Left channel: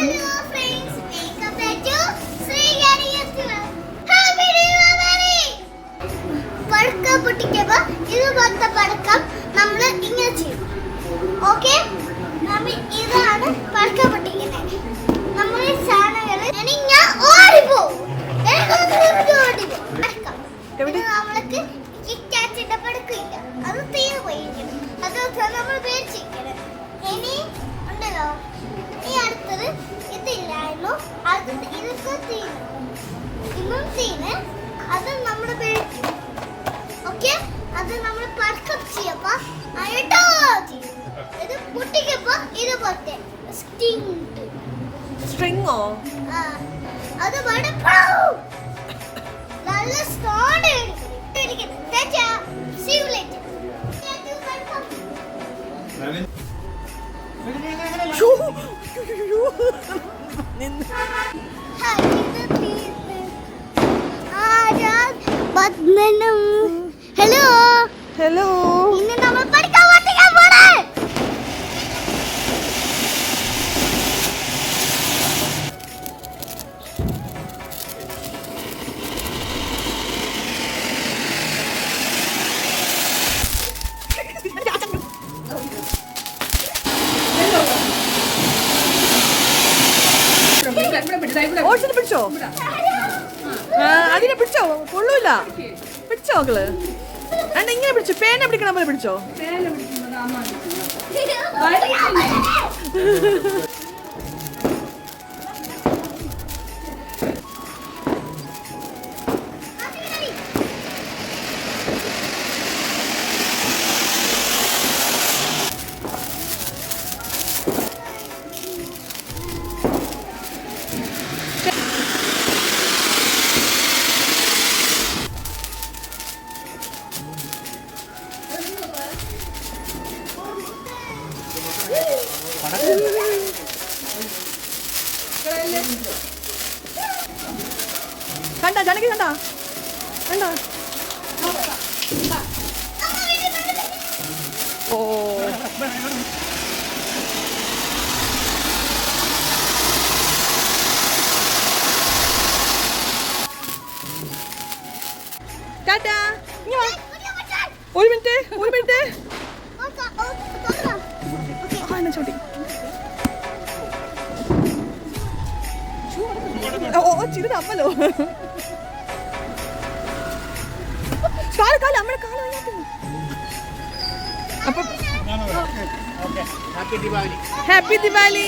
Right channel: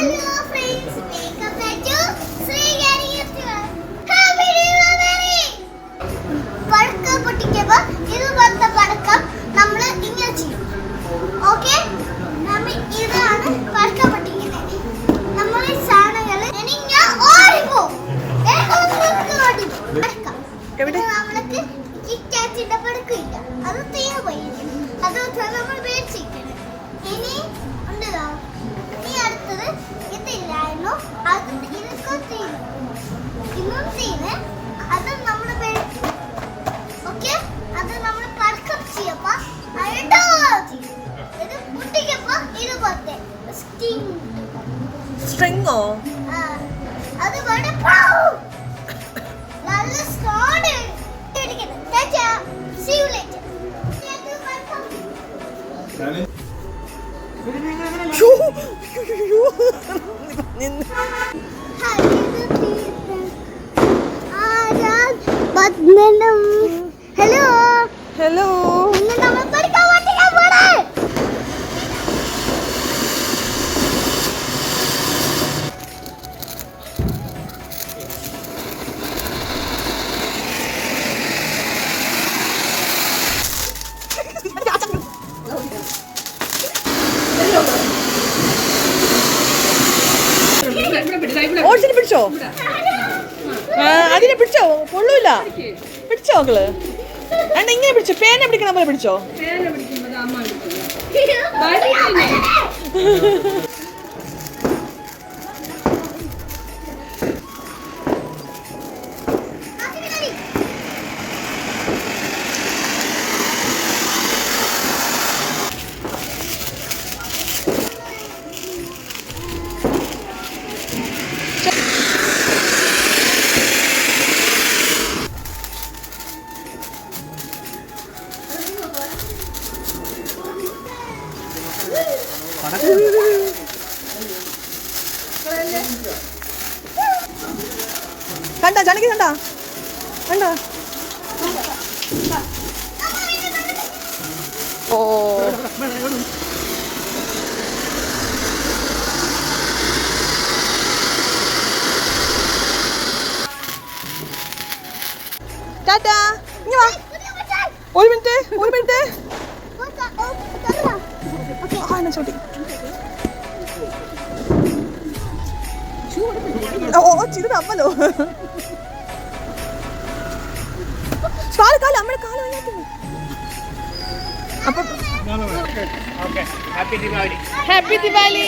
Hello friends, welcome back to Srigari Festival. Happy Diwali! പടക്കം പൊട്ടിക്കുമ്പോൾ ഇതുപോലത്തെ പടക്കം നമ്മൾ ഇങ്ങനെ ചെയ്യും. ഓക്കെ, ഇതാണ് പടക്കം പൊട്ടിക്കുന്നത്. നമ്മൾ സാധനങ്ങൾ ഞാൻ ഓടിപ്പോവും. നമ്മൾക്ക് കിറ്റാച്ചിന്റെ പടക്കില്ല, അത് തീർന്നു പോയി. അത് നമ്മൾ മേടിച്ചിരിക്കണം. ഇനി ഉണ്ടല്ലോ, ഈ അടുത്തത് ഇതില്ലായിരുന്നു, അത് ഇതൊക്കെ ഇന്നും തീന് അത് നമ്മൾ മേടിച്ചു. ഓക്കെ, അത് നമ്മൾ പടക്കം ചെയ്യപ്പോ ഇത് പൊട്ടിക്കപ്പോ ഇതുപോലത്തെ സ്ട്രിങ്ങോ അത് വളരെ നല്ല സൗണ്ട് ഇട്ടിരിക്കുന്നു. See you later. Hello hello, ഇന്ന് നമ്മൾ പഠിക്കാൻ പോണേ. ഓടിച്ചിട്ട് പിടിച്ചോ? അതിനെ പിടിച്ചോ? കൊള്ളൂല. പിടിച്ചോ മക്കള്? അണ്ട ഇങ്ങനെ പിടിച്ചോ, പേന പിടിക്കണ പോലെ പിടിച്ചോ. കണ്ട ജാനകി, കണ്ട കണ്ട. ഓ ടാറ്റാ, ഇങ്ങ് വാ. ഒരു മിനിറ്റ്. ചോട്ടി ചിരി തമ്മലോ. കാല് നമ്മുടെ കാല് അപ്പൊ ഹാപ്പി ദിവാലി.